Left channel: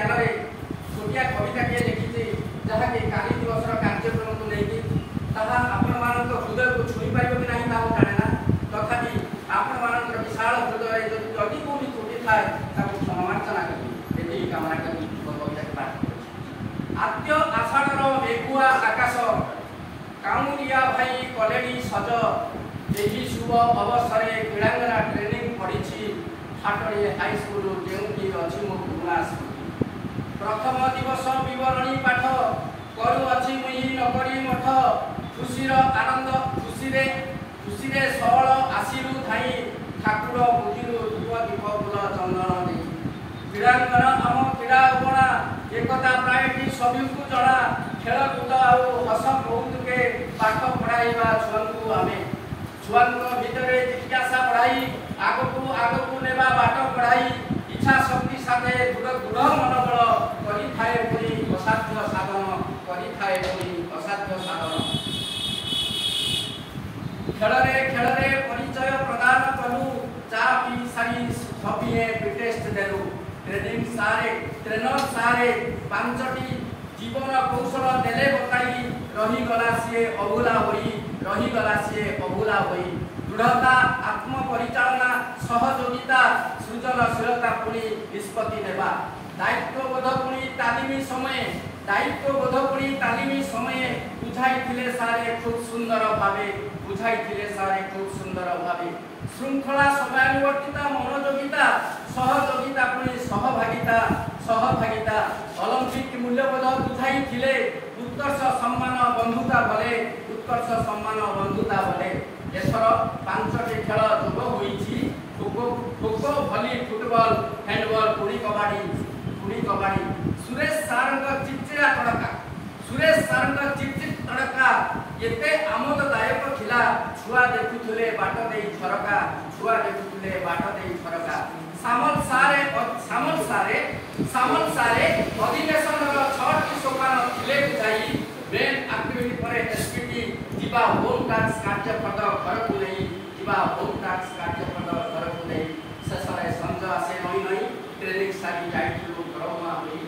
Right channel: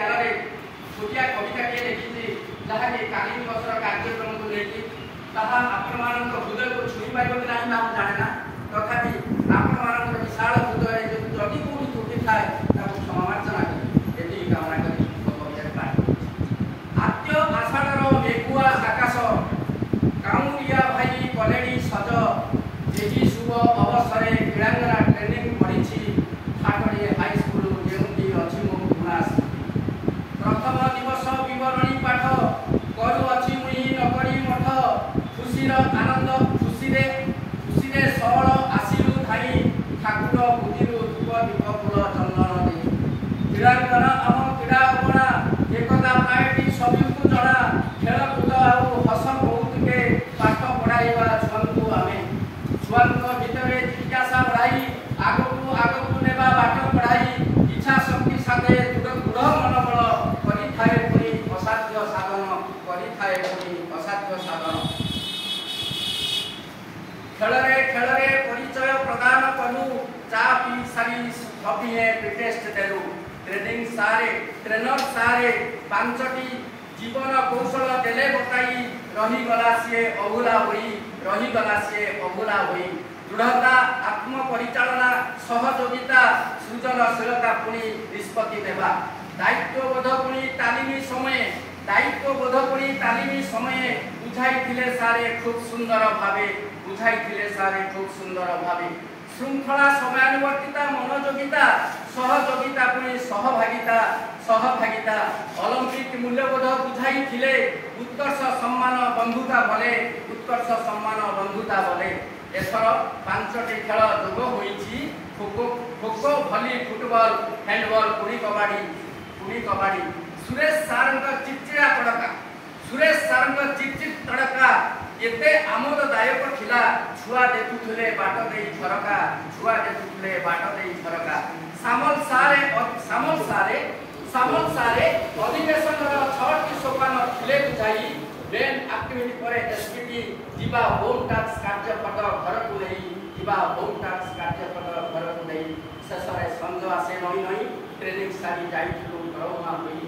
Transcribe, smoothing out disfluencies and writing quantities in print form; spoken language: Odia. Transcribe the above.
ध्यान रे छोटिया कविताटे लिखिଛି ଯାହାକି କାଲି ଦିବସର କାର୍ଯ୍ୟକ୍ରମକୁ ନେଇକି ତାହା ଆପଣମାନଙ୍କ ହୃଦୟକୁ ଛୁଇଁ ପାରିବ କି ନାହିଁ ତାହା ଜାଣେ ନା, ତଥାପି ଆପଣମାନଙ୍କର ବିଶାଳ ହୃଦୟରେ ଯଦି କୋଉଠି ତ୍ରୁଟି ଥାଏ ତାକୁ କ୍ଷମାର୍ଜନା କରି ଏତିକି କାମନା କରି କବିତାରେ ପାଠ କରୁଛି। ଆଦ୍ୟ ଆଷାଢ଼ର ମେଘୁଆ ଆକାଶ କାଉଁରିଆ ଭାଇ କଲେଣି ସଜ, ଏହି ଶୁଭ ଅବସରରେ କ୍ରୀଡ଼ାଙ୍ଗନା ଟ୍ରେନିଂ ପଡ଼ିଛି ଠାଟରେ ହାଇସ୍କୁଲ ଯେଉଁଠି ଅଛି ମୋ ପୁରୁଣା ସ୍ମୃତି। ପ୍ରଥମ ଦିବସ ବିବରଣୀ ପାଠ କରୁଅଛି ମୁଇଁ ନକରି ମଠ, ଖୁସିର ଆନନ୍ଦ ଖୁସିରେ ସଅଳ ଆସିଲୁ ଧାଇଁ, ଠାକୁର ବୁଦ୍ଧିରୁ ଧୂପ ଦୀପ ଫୁଲ ଚନ୍ଦନ ଦେଇ। କ୍ରୀଡ଼ାଙ୍ଗନ ଆମ କ୍ରୀଡ଼ା ଅଗଣା ଏକତା ପ୍ରାୟଟି ସଭିଙ୍କୁ ଜଣା, ଖେଳକୁଦ ଆଉ ହସ କୌତୁକେ ପାଠ ପଢ଼ାଇବା ଛୁଆଙ୍କୁ ଆମେ। ଛୁଆଙ୍କ ଭିତରେ ଜିଜ୍ଞାସା ବଢ଼ାଇ ଆଗକୁ ନେବା ବାଟ କଢ଼ାଇ, ଇଚ୍ଛା ଶକ୍ତି ସାଥେ ଦୃଢ଼ ମନୋବଳ କରିଥାଏ ପୁଣି ଅସାଧ୍ୟ ସାଧନ, କରିଥାଏ ପୁଣି ଅସାଧ୍ୟ ସାଧନ। ଖେଳରେ ଖେଳରେ ପରିଚୟ ପ୍ରଦାନ କଲୁ, ଚା ପିଇ ସାରି ସଭିଏ ପ୍ରିଟେଷ୍ଟ ଦେଲୁ। ଟ୍ରେନର ସାରେ ପାଞ୍ଚଟି ଜୀବନ କୌଶଳ ଦେଲେ ବତାଇ, ରହିଗଲା ସିଏ ଅଭୁଲା ହୋଇ। ଦୃଢ଼ତା ଆତ୍ମପରିଚାଳନା ସହଯୋଗିତା ସୃଜନଶୀଳତା ପୁଣି ନିଷ୍ପତ୍ତି ନେବା। ଦାୟିତ୍ୱବୋଧ ପୁଣି ତାଲିମ ସମୟେ ବୁଝାଇଥିଲେ ସାରେ ଖୁବ୍ ସୁନ୍ଦର ଭାବେ। ଶୃଙ୍ଖଳା ସମୟାନୁବର୍ତ୍ତିତା ମନୋଯୋଗିତା ସହଯୋଗିତା ପୁଣି ସହଭାଗିତା ଅଲମ୍ପିକ ମୂଲ୍ୟବୋଧ ବୁଝାଇଥିଲେ। ଉତ୍କର୍ଷ ସମ୍ମାନ ବନ୍ଧୁତା ବଲେ। ଏଥର 5ଟି ଖେଳ ଯୋଗ ହୋଇଛି, ଖୋଖୋ ଭଲି ଫୁଟବଲ ହ୍ୟାଣ୍ଡବଲ କୁଡ଼ି କବାଡ଼ି। ସୁରେଶ ସାରଙ୍କ ଚିଚିଡ଼ା ତଡ଼କା ଏତେ ଆମୋଦଦାୟକ ଥିଲା, ଛୁଆ ଦେଖୁଥିଲେ ବାଟ ଦେଇ ଝରକା। ସାମଲ ସାରେ ଅଧିବେଶନର 6ଟି ସୋପାନ ଥିଲେ ବୁଝାଇ, ମେନ୍ ଆକ୍ଟିଭିଟି ପରେ ଏସ୍ପିଟି ଯିବା ହୋମ୍ ଟାସ୍କ କାର୍ଯ୍ୟପଦ ଘରକୁ ନେଇ। ଶେଷରେ ସଞ୍ଜ ଆସେ ନଈ ଟ୍ରେନିଂ ସାରି ଯାଇଥିଲୁ ଘରମୁହାଁ ହୋଇ।